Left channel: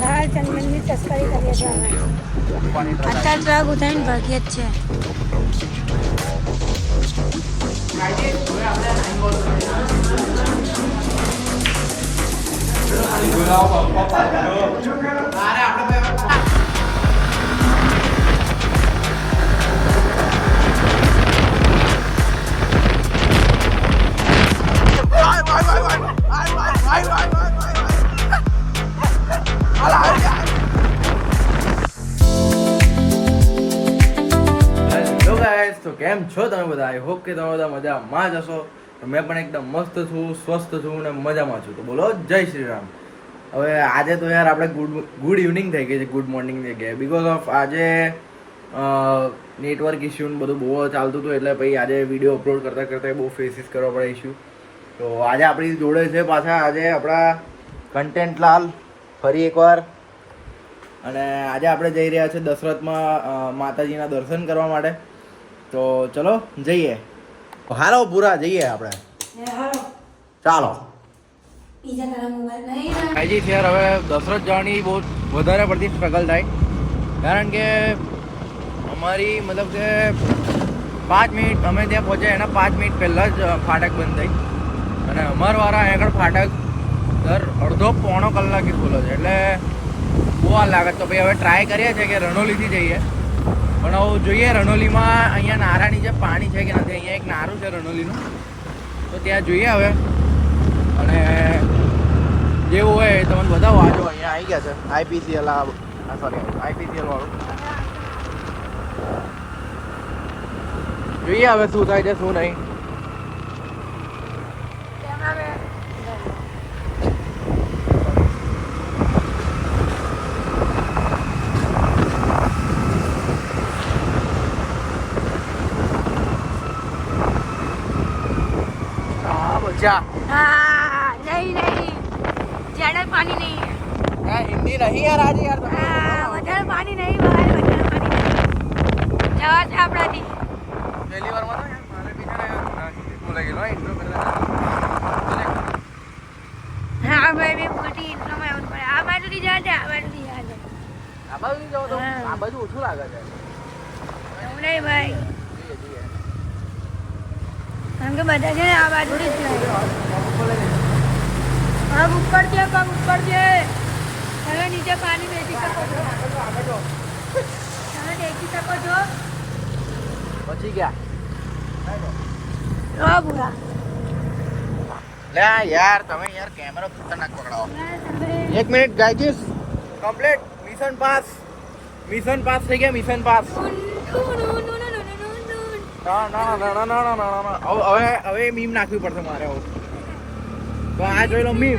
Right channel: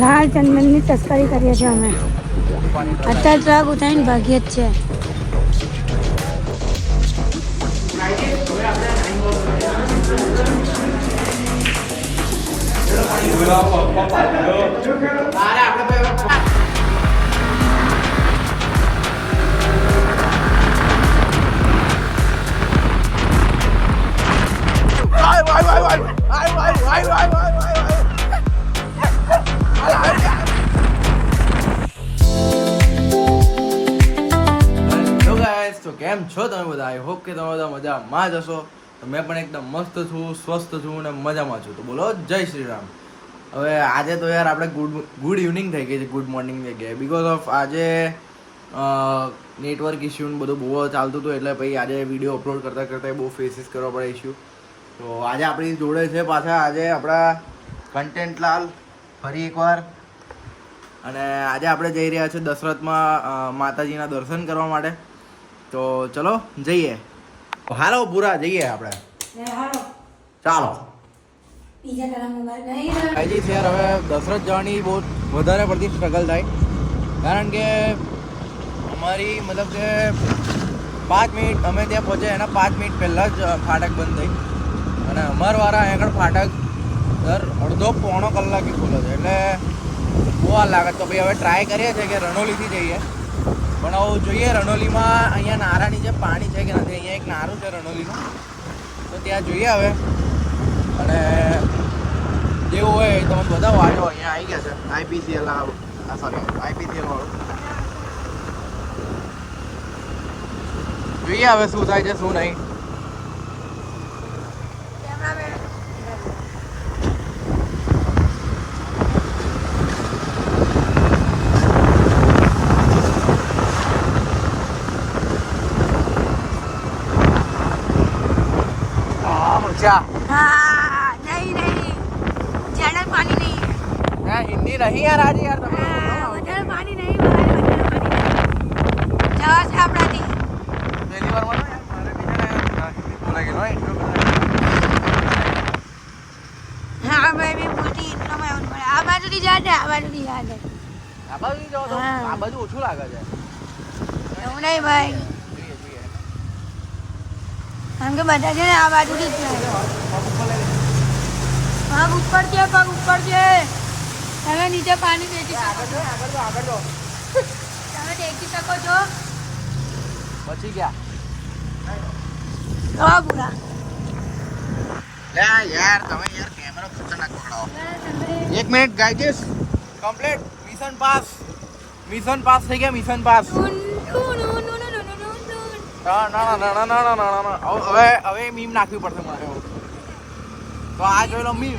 લાલ ચંદનની તસ્કરી કરીએ છીએ અમે. અત્યારે તો આ બધાની ભાગ્ય જ છે. તો કેમ છો તમે બધા? આઈ હોપ કે તમે બધા મજામાં જ હશો. મેં પણ એકદમ મસ્ત છું, સ્વસ્થ છું અને મજામાં છું. તો બોલો જય શ્રી રામ. હવે આજે તો યાર આપણે ગુડ ઇવનિંગ થઈ ગઈ છે, ગુડ મોર્નિંગ થઈ ગઈ, બિકોઝ ઓફ આજે નેટવર્ક ઇસ્યુ ને બધું બહુ ચાલતું હતું, એટલે પછી આજે વિડીયો અપલોડ કરતાં કરતાં બહુ ફેસીસ કરવા પડે ઇસ્યુ. તો આજે આપણી જોડે છે પાછા આજે આપણા કન્ટેન્ટલાલ ફરી એકવાર, અને આજે આપણે જઈ રહ્યા છીએ દશરથમાં માતાજીના દર્શન કરવા માટે. તો ચલો જઈએ. હાલો પૂરા જઈએ આપણે. ચાલો યાર, હવે દશરથ જવાની બહુ વધારે પડતી સ્ટ્રગલ થાય, કારણ કે અમારી મતલબ કે 5 મિનિટ અમે ત્યાં પહોંચ્યા એના 5 મિનિટ પહેલાં જ ફાટક બંધ થઈ, અને અમારવાળા અહીં આગળ ફાટક દર અડધો પોણો કલાકથી ખુલ્લો છે, એટલે બહુ વાર લાગે. તો ભાઈ હવે ટ્રાય કરીએ છીએ કે રણોલીથી જઈએ, પણ હવે જોઈએ રણોલીમાં અહીંયા નારાની જે પાણી છે કે નથી. અહીંયા એક નારું છે રણોલીનું, તો ત્યાં જોઈએ હવે, અને જેવું હોય તો મને બતાવો. વાંધો અહીંયા આવી ગયા છે આઈપીસીએલ, સોરી આઈપીસીએલ વાળું. જોઈએ હવે શું થાય છે શું નહીં. हाँ नहीं नहीं ज्यादा पानी नहीं है. हिंदी नहीं यार आज यार તમે વધારે પાણી નહીં ભાઈ, વધારે પાણી નહીં. જવા છે આપણાથી. હા ભાઈ મેં બોલતી ઇન્ટ્રોમાં એવું પડે. આ બાજુથી જાય છે, આ બાજુથી જાય છે. આ બાજુ જાવ તો આ બાજુ ઓછું લાગે છે. એવું નહીં ભાઈ, કારણ કે બધા છે ને આ બાજુથી જ જાય. પગ ઉપર છે, પગ ઉપર છે. તમે નીચે પાણી દેખી શકો છો, તમે દેખી શકો છો. પછી ગયા લો પૂરા લે યાર, તમે યાર કેમેરો ખતરનાક પકડાવો. 1 minute guys, complete mission pass. Mission pass થઈ ગયા, મિશન પાસ. હવે મીમ નાખવી પડશે મારે. તો આ જોઈ લો મીમ.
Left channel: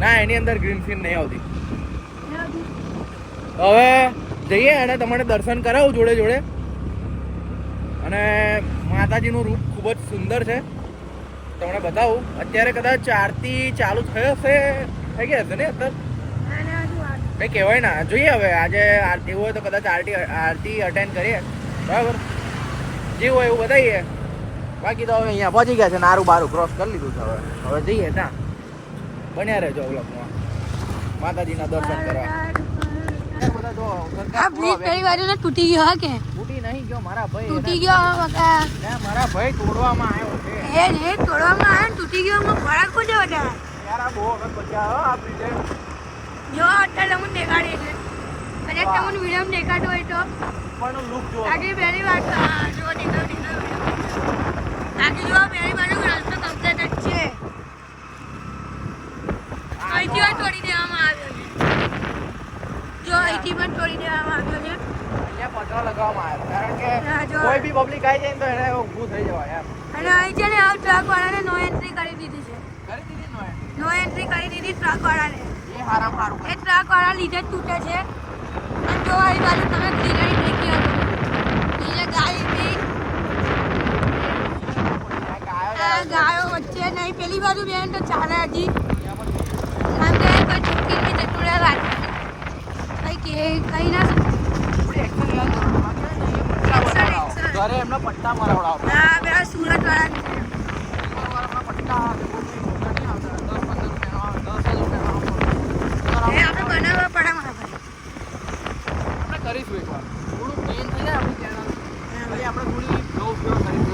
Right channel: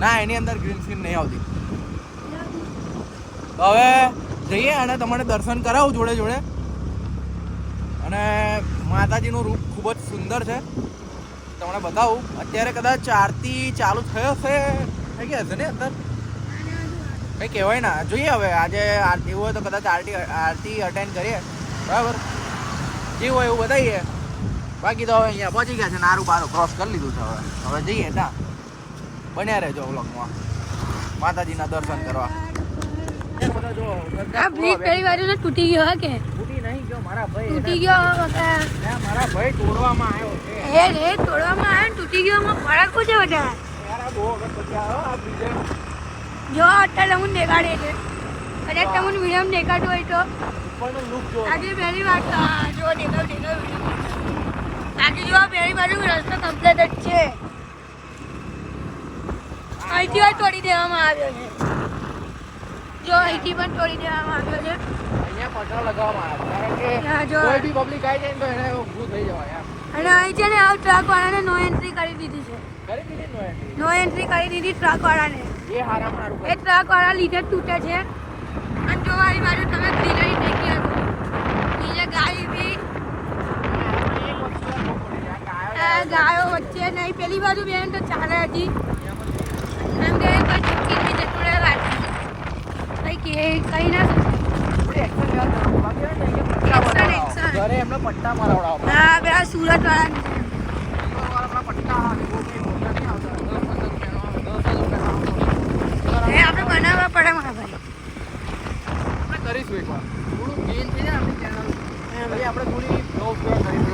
ના એની અંદર ગ્રીન સ્ક્રીન નહીં આવતી. હવે જઈએ અને તમને દર્શન કરાવું જોડે જોડે. અને માતાજીનું રૂપ ખૂબ જ સુંદર છે, તમને બતાવું. અત્યારે કદાચ આરતી ચાલુ થયો હશે, થઈ ગયા હશે ને અત્યારે કંઈ કહેવાય ના. જોઈએ હવે આજે એવું હોય તો કદાચ આરતી અટેન્ડ કરીએ, બરાબર. જે હોય એવું બતાવીએ. બાકી તો હવે અહીંયા પહોંચી ગયા છે, નારું બારું ક્રોસ કરી લીધું છે. હવે જઈએ ના, બન્યા રહેજો વ્લોગમાં માતાજીના દર્શન કરવા. આ બ્રિજ પહેલી વાર ને તૂટી ગયો કે તૂટી નહીં ગયો મારા ભાઈ, તૂટી ગયો મારા ભાઈ તોડવામાં આવ્યો છે. એ તોડવામાં આવ્યો ને તૂટી ગયો, એમાં ફરક શું છે બધા? યાર આ બહુ વખત પછી આ બ્રિજે જો અત્યારે તમને દેખાડે છે, કદાચ તમને વિડીયો દેખાતું હોય તો ઉપરનો લુક જો. આજે પહેલી વાર જો દેખાડું. આજે જો પહેલી બાજુ રસ્તો કમ્પ્લીટ જ છે. અહીંથી તોડી દેવામાં આવ્યો છે. જો અહીંથી પણ તોડી દેવામાં આવ્યો છે. અહીંયા પટરો લગાવવામાં આવ્યો, હા, જો. કોઈ બી પબ્લિક આવી જાય ને તો એને ઊભું થઈ જવાય યાર. અને અહીં છે ને આ ટ્રક વાળાને નો એન્ટ્રી કરી દીધી છે. કરી દીધી નો એન્ટ્રી. નો એન્ટ્રી કરી દીધી ટ્રક વાળાને. એ હારામ હારું એ ટ્રક વાળા લીધે જ તૂટે છે. અને જો આવી બાજુ તમે ગ્રીનરી દેખી શકો, અહીંયા ગાય બી, આ ગાયો વચ્ચે નહીં. પેલી બાજુ બેન તો ચાલે હતી, અને કઈ ના એમના પટ્ટા મરાવડાવ. હા, પેલા સુરત વાળા એ આપણે બનાવવા પડે મારા ભાઈ.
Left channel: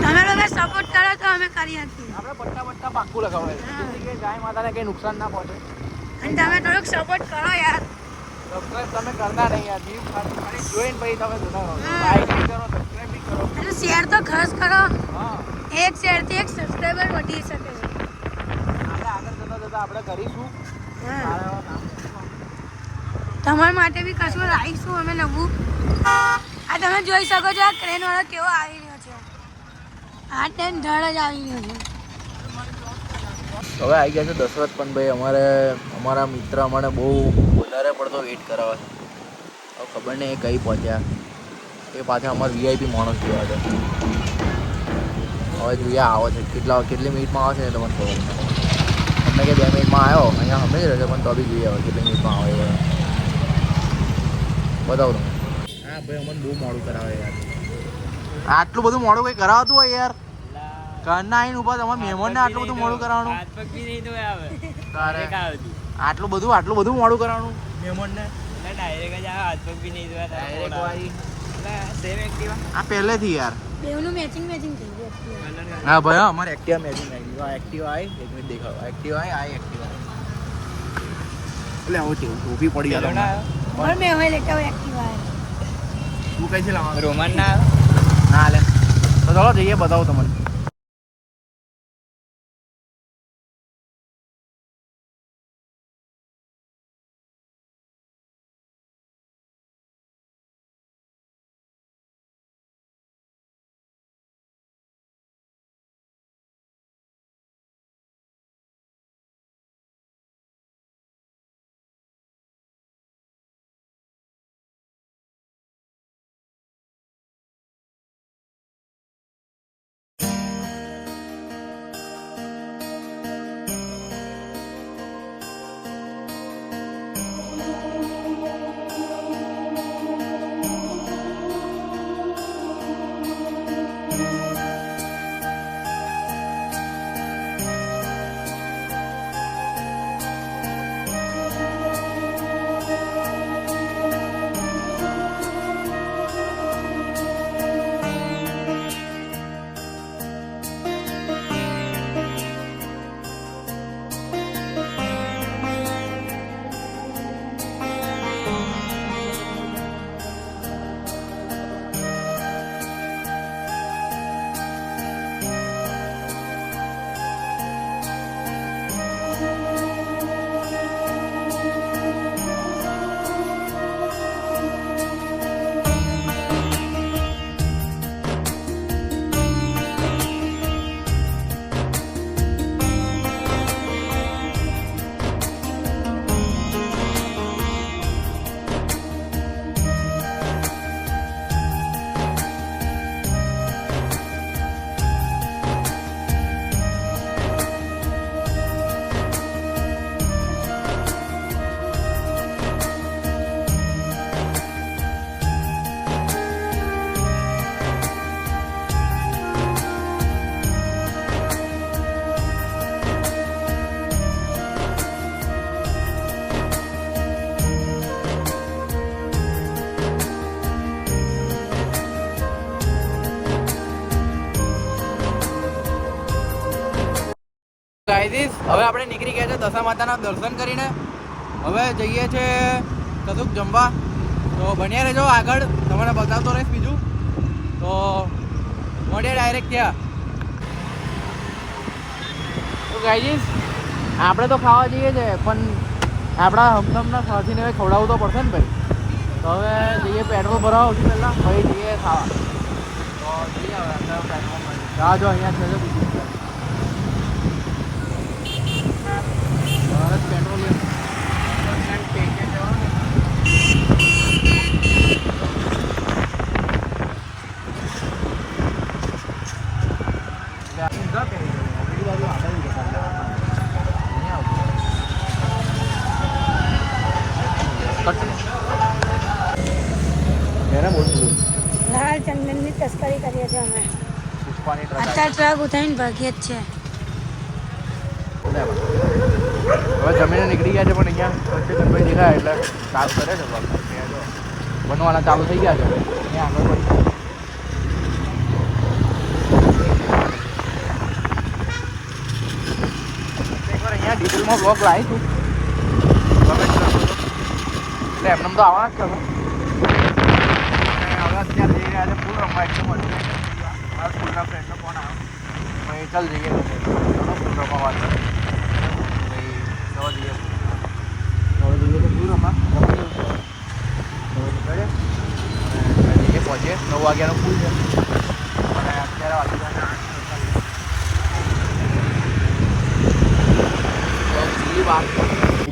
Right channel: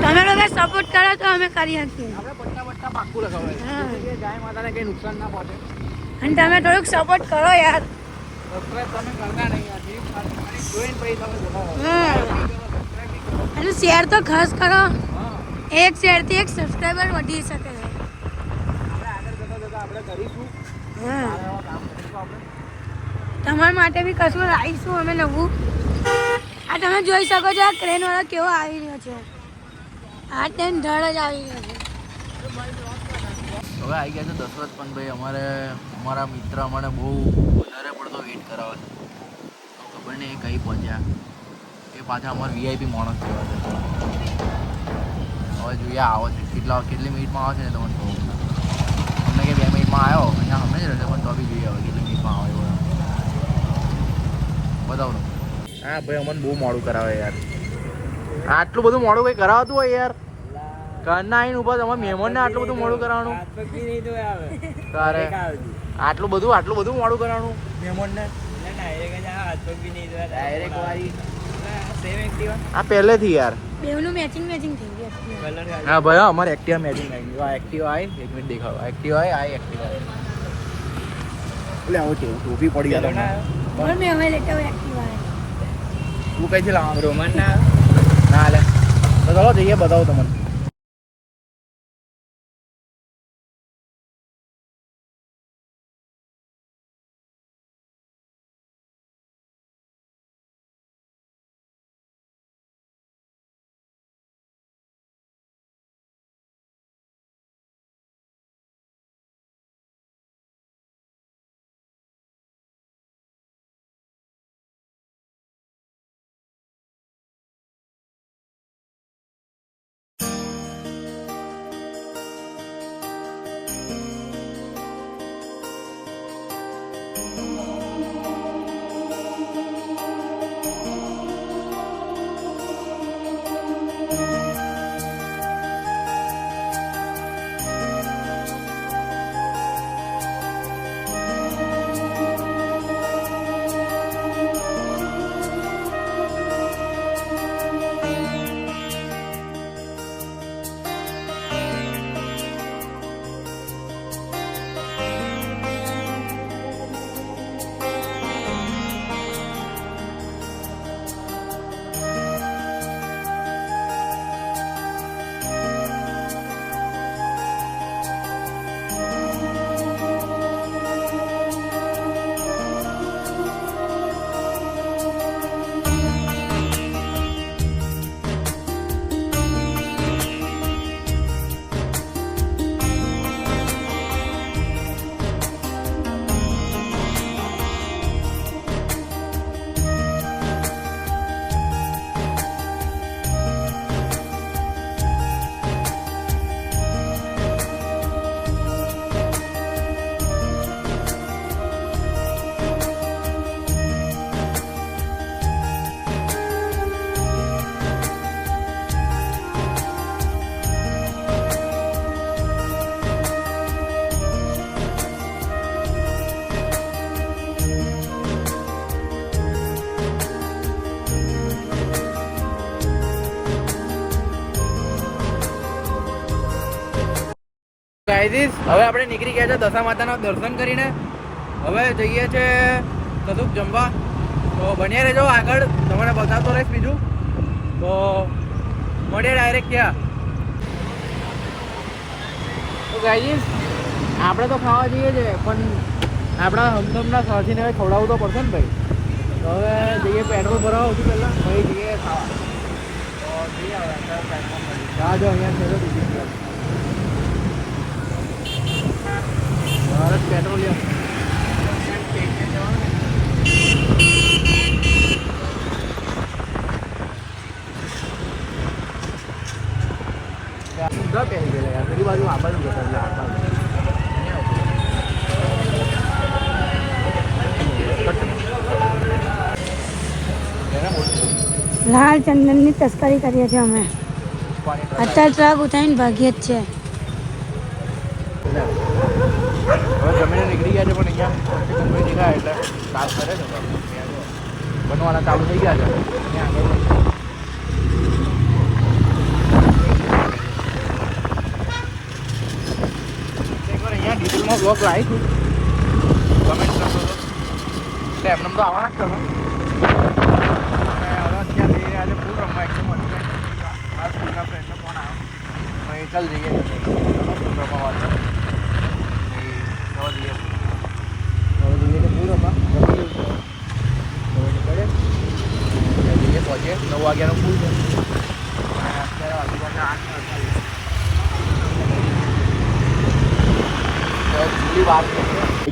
તમે લોકો સપોર્ટ કરો તો અમે કરી શકીએ. હા. કઈ નુકસાન ના પહોંચે. અને તમે થોડુંક સપોર્ટ કરો યાર. તમે કરતા નહીં યાર, જીવ ખાલી જોઈને પછી તમે જતા રહો. હા. Like કરો, subscribe બી કરો. અને શેર તો ખાસ કરો. હા, એક શેરથી એક સબસ્ક્રાઈબર વધી શકે છે. આપણે આગળ જતા આપણે કરીશું. હા. સારા એવા કામ કરીશું આપણે. તમારા માટે બી કશું લાવીશું અમે નવું. આ તમે જોઈ શકો છો આ ક્રેન વાળો કેવો આવી રહ્યો છે. આ ટ્રેન ધડ જ આવી રહ્યો છે. હવે આવી ગયા છે દશરથ પણ ભાઈ, અમારા મિત્ર અમને બહુ વધારે પડતો વેઇટ કરાવે છે. હવે ખબર નહીં એ કઈ પહોંચ્યા. એ પાછા અમારા વીઆઈપી માણસ જેવા છે. હવે જોઈએ આવો છે કેટલી મિનિટમાં આવે છે ને તમને કહું. અમને કે 2 મિનિટમાં આવ્યો, અહીંયા અમે જ રહેશે પણ તો બી જોઈએ હવે કેટલી મિનિટમાં આવે એ બતાવું તમે. હા ભાઈ અમને બહુ મોડું કરાવે યાર. આટલું બધું મોડું કંઈ કરાવતું હોય યાર. ઘરના આવીને ઉભા તમારા મહેમાનને આટલું બધું મોડું કરાવવાનું. તારે આટલું બધું મોડું કરાવવાનું મહેમાનને. ડાયરેક્ટ વાળી આ પહેલેથી યાર. બેવનું મેચિંગ થઈ ગયું. હા ભાઈ અમારે એક્ટિવા મેચિંગ આવી ગયું. એક્ટિવા આવી એક મિનિટ દેખાડો. એક્ટિવા આવી એક્ટિવા એટલે આવો છે ટોપી પડી ગયા તમને. પણ મેં હવે લેતા હોય એક્ટિવા આવે. તું કઈથી લાવવાનું? રોમન ના લે તો ચાલો જઈએ બતાવું તમને. હવે આપણે નીકળી ગયા છે દશા માતાના દર્શન કરીને. હવે જઈએ છે કશુંક જમવા. તો બન્યા રહેજો આગળ, તમને બતાવતો રહીશ બીજું. તો મળીએ ડાયરેક્ટ ત્યાં. તો ગાઈઝ આપણે તો ખાવા જઈએ છે પણ આપણા હમદમના સાથીને હવે ખવડાવવું તો પડશે ને ભાઈ. તો હવે જઈએ પેટ્રોલ ભરાવા સૌથી પહેલાં, પછી જઈએ ખાવા. તો જઈએ હવે અત્યારે પેટ્રોલ મળી જો અહીંયા છે બીજી ભારત પેટ્રોલિયમ. ઊંધા પહેરી ગયેલા યાર, પેલી બાજુ આગળ જઈએ એટલે લાલ ચંદનની તસ્કરી કરીએ છીએ અમે. અત્યારે ટ્રાક ઉતારીને ભાગીએ જ છે. હવે જમીને નીકળી ગયા છે પણ અહીંયા વચ્ચે ગણભાઈ દેખાય એટલે સ્ટાર્ટ કરે છે બનવાના ચાલુ થઈ ગયા છે અહીંયા આગળ અહીંયા ડિટેલમાં બ્લોગ આવીશું એમને તો આવવાના જ ચાલ જઈએ પહોંચીએ 9 વાગ્યાનો સ્કૂલ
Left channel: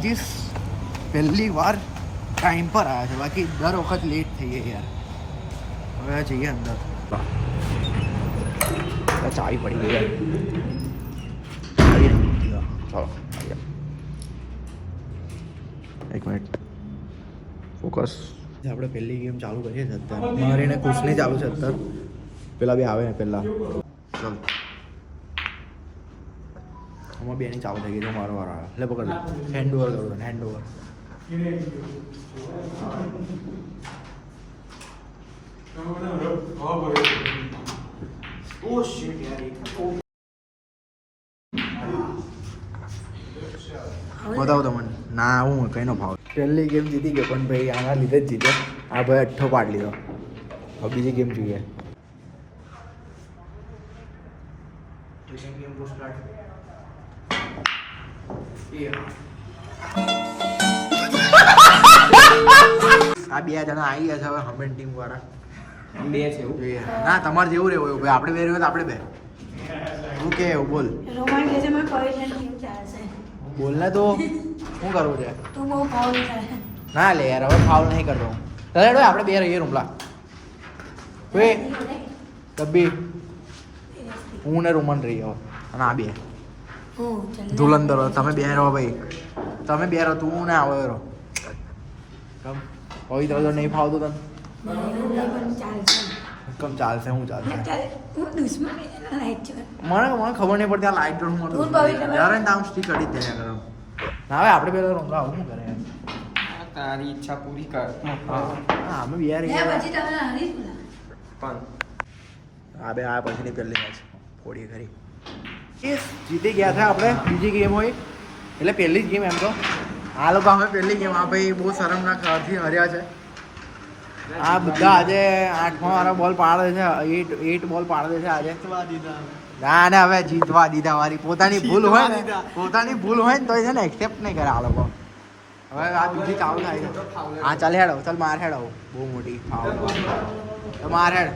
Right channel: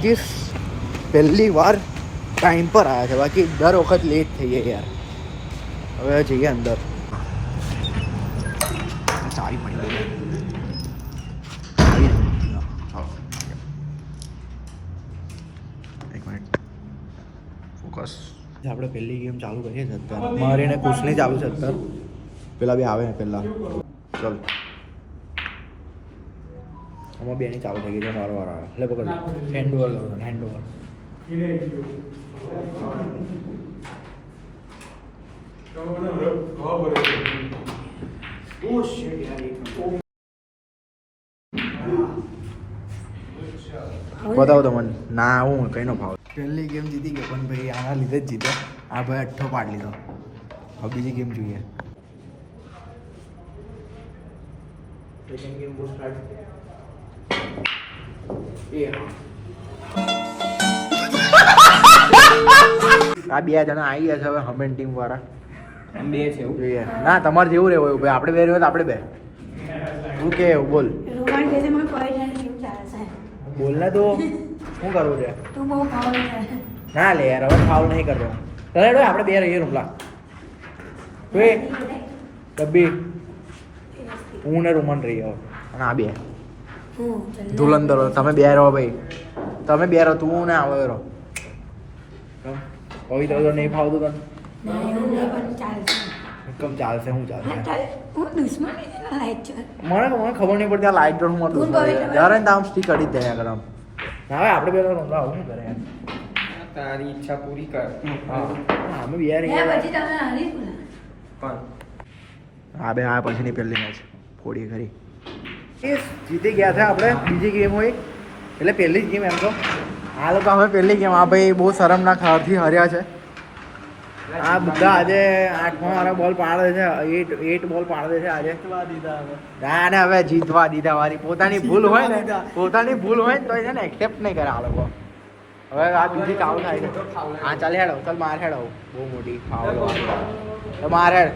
છે પહેલી વાર ટાઈમ પર આવ્યા છે બાકી દર વખત લેટ થઈ જાય યાર હવે જઈએ અંદર ચાવી પડી ગઈ ચાલો એક મિનિટ ફોકસ આપણે પહેલી ગેમ ચાલુ કરીએ છીએ અત્યારે મારે ને કુશની ચાલુ છે અત્યારે પેલા બે આવે ને પહેલાં ચાલ આમાં બેની ચાલુ થઈ ગઈ છે મારો વારો આવે એટલે પકડ હેન્ડ ઓવર કરું હેન્ડ ઓવર બતાવો તમને ના હું કઈનો ભાવ પહેલી ગેમ જીતી ગયો પણ ભાઈ આના લીધે જ જીત્યો આ ભાઈ 8 પાડ લીધો હવે બીજી ગેમ જોઈએ આ બે જણા આવી ગયા છે હવે હમેન ટીમ વાળા બે છે જોઈએ ના તમારે જેવું રહેવું ભાઈ આપણે બે રહ્યો તો આપણે બે શું કે બોલ બોલ ને તો શું કરવું છે ના લે યાર હવે ફાઉલ નહીં કરતો તને આપણે બે રહીએ રૂમલા કોઈ તબી હું ને રૂમન રહી હવે અને આ બે ધુલંધર તમે બે રહો ભાઈ તમે બે રહો તું ને આવો રહો કોઈ તો નહીં ફાવતું તને કમ ચાલશે હું ચાલશે મને ખબર નહીં પડતી આ લાઈટ હું મારું દોસ્ત જ્યારે ને આમ સ્ટીક અડી જ જાય આગળ આમ ના હવે આપણે પેલા રૂમલા આવું શું કરે તારી ઈચ્છા પૂરી કર હા અમે બે રહીએ હા બે આ પછીની પહેલી મેચ થોડી ખરી જીતી ગયા છે આપણે બીજી ગેમ હોય એટલે પહેલી જ ગેમ એમ તો આ લોકો અમે પહેલી ગેમ આ ભાઈ બહુ શરમના ખાવાથી હાર્યા છે આ બધા આજે 8માં વાળા બોલ પાડે છે 8 બોલ પાડે છે આજે ના ને હવે જીતવા દીધા વાળી પોતાની ભૂલ હોય ને તો એને એક્સેપ્ટ નહીં કરે આ લોકો હવે આ બીજી કાઉ થાય છે હા ચાલ હેડો ચાલ માર હેડો બહુ મોટી ફાઉલ તો માર હેડ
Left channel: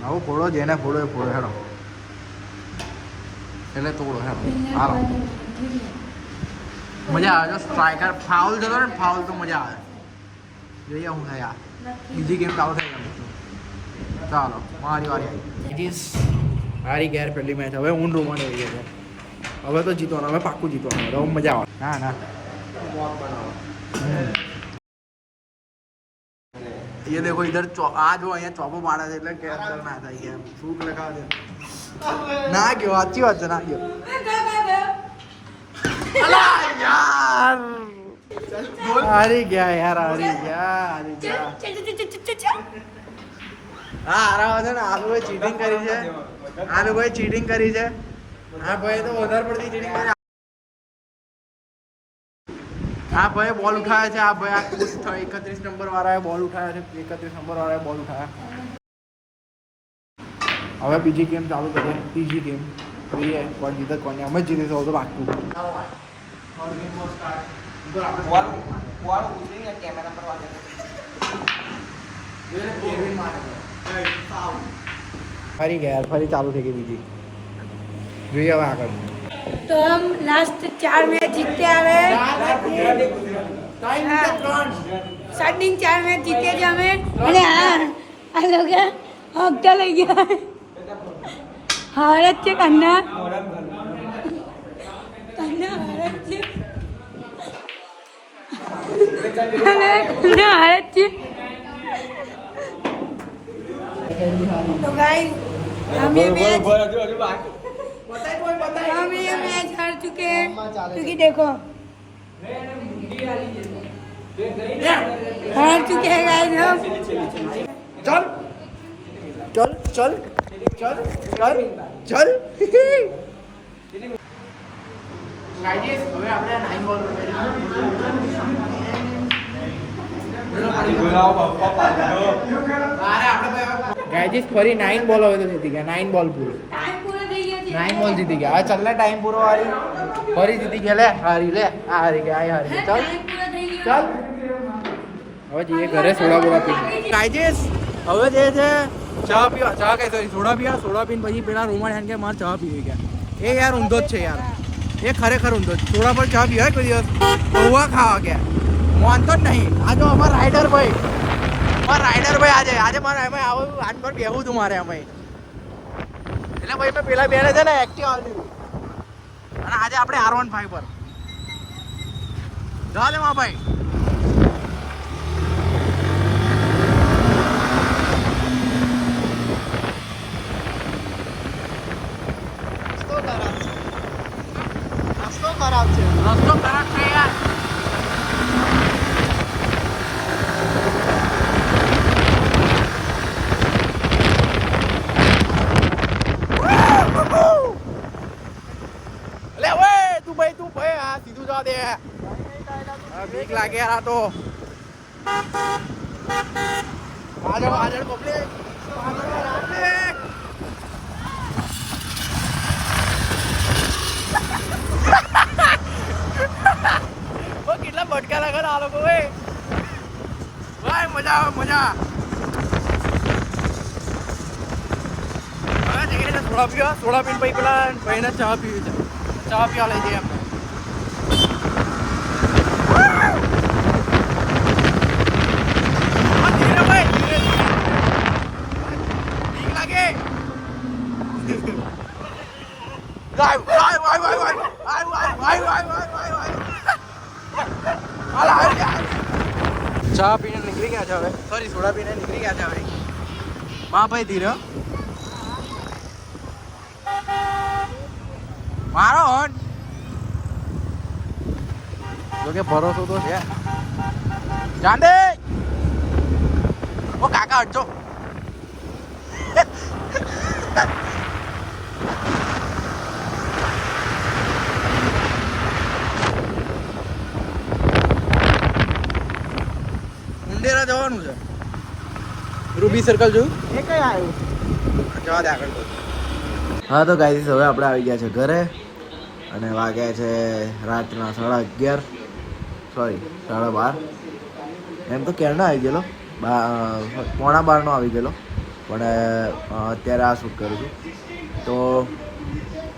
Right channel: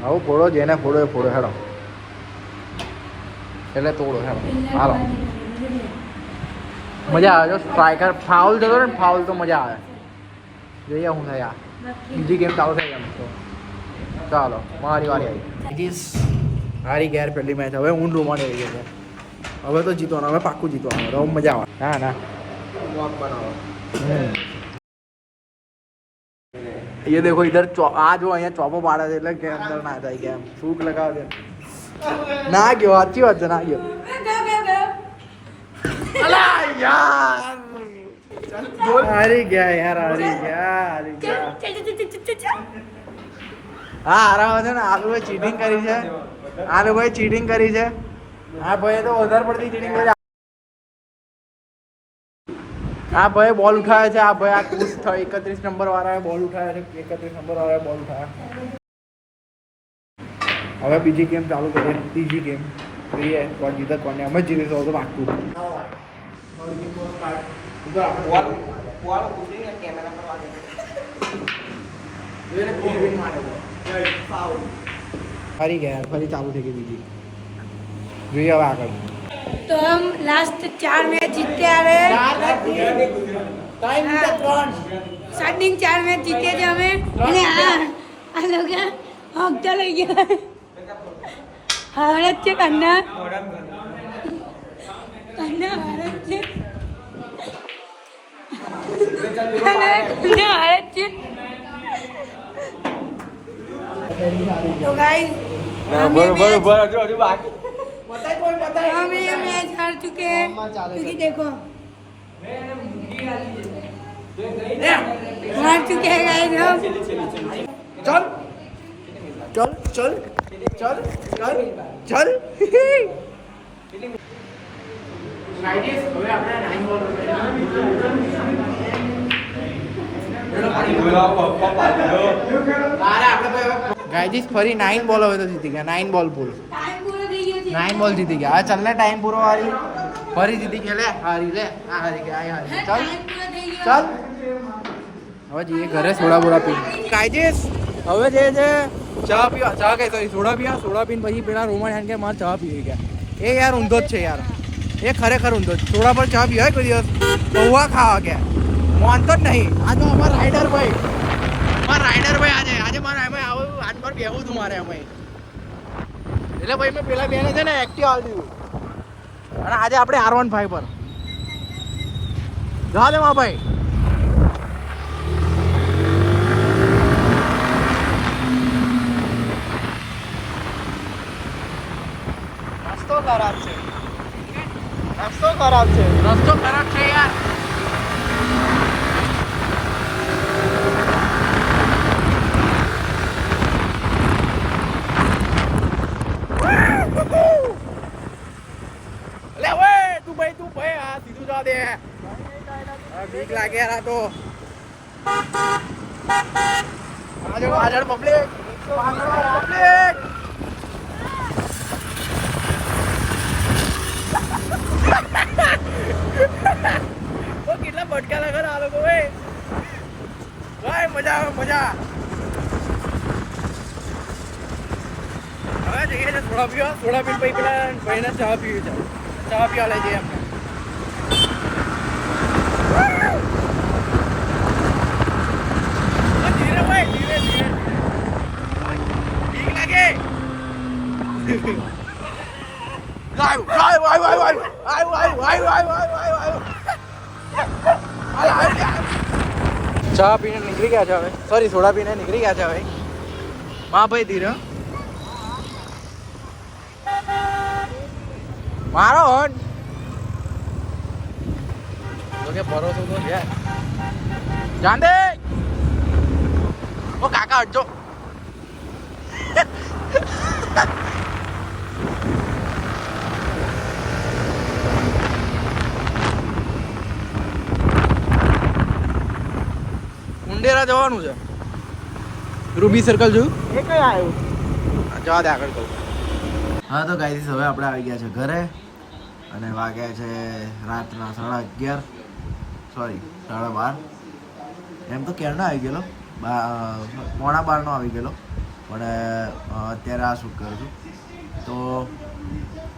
આવું ફોડો જેને ફોડો એ ફોડો હેડો એટલે તોડો હેડો હાલો મજા આવે જો સ્ટ્રાઇકર ફાઉલ જતો ને ફાઉલ તો મજા આવે જોઈએ શું થાય આ બીજી ગેમ ચાલુ થઈ એમ તો ચાલો મારી વારી આવી ઇટ ઇઝ હારી ગયા પહેલી મેચ હવે હું રૂમાને આવી ગયો છે હવે તો જીતવાનું હવે પાક્કું જીતવાનું હવે મજા આવે ના ના ये देखो इधर आ जो અહીંયા ચોપો પાડે છે એટલે કેમ ના થાય કેમ થૂક લગાવે છે ના ગયો સાચી વાત છે ના ગયો અલા યાર હારી ગયા યાર હારી ગયા હા હારા છે ને આ લોકોએ ચીટિંગ કરી છે આ લોકોએ ચીટિંગ કરી છે આ ભાઈએ તો વધારે પડતી ચીટિંગ કરી આ ભાઈ બોલ ઉઠાવે છે આ ભાઈ આ કુશ 31 નંબર વાળાએ બોલ ઉઠાવે છે 31 નંબર વાળાએ બોલ ઉઠાવે હવે બીજી ગેમ ચાલુ કરીએ ત્રીજી ગેમ જોઈએ કોણ જીતે કોને અમે જીતીશું તો બાકી ફરી ગયા ફરી ચાલુ થઈ ગઈ બીજી જોઈએ હવે આગળ तो हम लास्ट 4 मैच जीते आ रहे स्टार्टिंग 4 मैच जीते थे हमें अरे आ लोग हफ्ता लग गया हारत से करना हारत से हारत से तो गाइस हमें मैच हम ये मैच हार चुके हैं क्योंकि देखो हार चुके हैं गाइस हम। चल चल चल चल चल चल ગાઈસ ફરી 9 બોલ હવે તો જીતી ગયા 9 બોલ પૂરો 9 બોલ જીતી ગયા હવે ચાલ ને ટાઈમ પૂરો વાળી ફરી જીતી ગયા લે હારી લે હારી ગયા ચાલ ચાલ હવે જઈએ ઘરે સોડા બોડા પી ગાઈસ હવે જે છે ચા પીવા ચા કઈ સોરી સોડા પીને પછી પેલા રોમન હેન કે મારે ચા પીવી ગયા એ યાર ઊંધો જ છે યાર એ ખરેખર ઊંધો જ સોડા પર ચા પીવાય કોઈ દિવસ પૌવા ખાવા ગયા માનતો જ નહીં આ તો અમારા રાઈડર ભાઈ આજે મારે એમાં આવું આજ પર કહેવું હતું મારે અમે એટલે ભાઈ મેં પેલા બેને છે ને એક્ટિવ આવી દીધું અને આજે આપણે R15 પર જા દે માં ભાઈ રસ્તો ખરાબ છે યાર તું ભાઈ હા સીધું જા દે બીક લાગે યાર આ તો આગળ પબ્લિક કેટલા બટકા લાગે આ લોકો ભાઈ મજા આવે મજા હવે જઈએ સોડા પીને પછી પેલા ભાઈને ચા પીવી છે ચા પીવા લઈ જઈએ આપણે ચા પીને નીકળી ગયા છે હવે સોરી સોડા પીને નીકળી ગયા છે હવે હા ભાઈ ધીરે મારો હોટ જોકે ભરોસો તો છે જાંદે ઓ કાકા હટજો મુંડેરા જવાનું છે રૂબી સર્કલ જોયું એ કઈ આવ્યું જવા દે આગળ હા તો ગાઈસ હવે આપણે આવી ગયા છે ઘરે અને વાગ્યા છે રાતના 11:30 સોરી 12:30 એમ તો ક્યારનો આવી ગયેલો 11:45 આવી ગયેલો પણ અત્યારે આ શૂટ કરું છું તો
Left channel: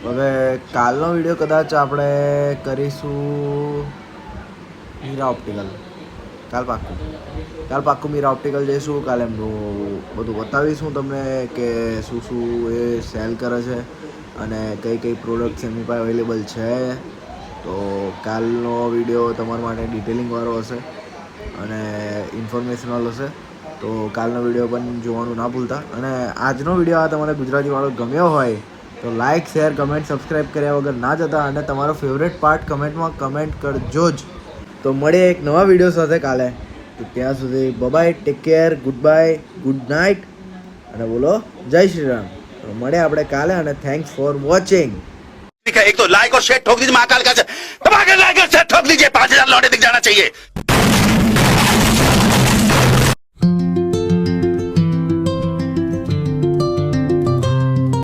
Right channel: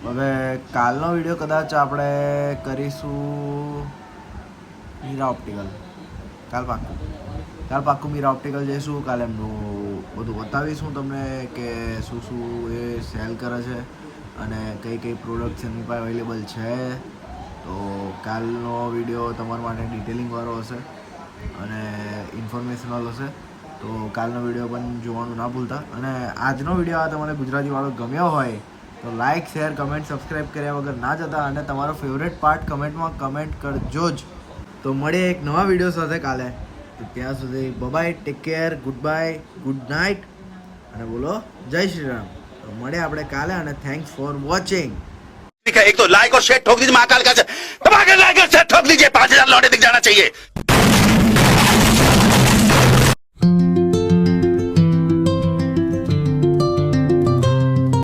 હવે કાલનો વિડીયો કદાચ આપણે કરીશું મીરા ઓપ્ટિકલ કાલ પાક્કું મીરા ઓપ્ટિકલ જઈશું કાલે એમનું બધું બતાવીશું તમને કે શું એ સેલ કરે છે અને કઈ પ્રોડક્ટ્સ એમની પાસે અવેલેબલ છે તો કાલનો વિડીયો તમારા માટે ડિટેલિંગવાળો હશે અને ઇન્ફોર્મેશનલ હશે તો કાલનો વિડીયો પણ જોવાનું ના ભૂલતા અને આજનો વિડીયો આ તમારે ગુજરાતીવાળો ગમ્યો હોય તો લાઇક શેર કમેન્ટ સબસ્ક્રાઈબ કર્યા વગર ના જતા અને તમારો ફેવરેટ પાર્ટ કમેન્ટમાં કમેન્ટ કરજો જ તો મળીએ એક નવા વિડીયો સાથે કાલે તો ત્યાં સુધી bye take care good bye good night અને બોલો જય શ્રી રામ તો મળે આપણે કાલે અને થેન્ક્સ ફોર વોચિંગ एक तो लाइक और शेयर ठोक दीजिए महाकाल का दबा के लाइक और शेयर ठोक दीजिए 5000 लौटे दिख जाना चाहिए।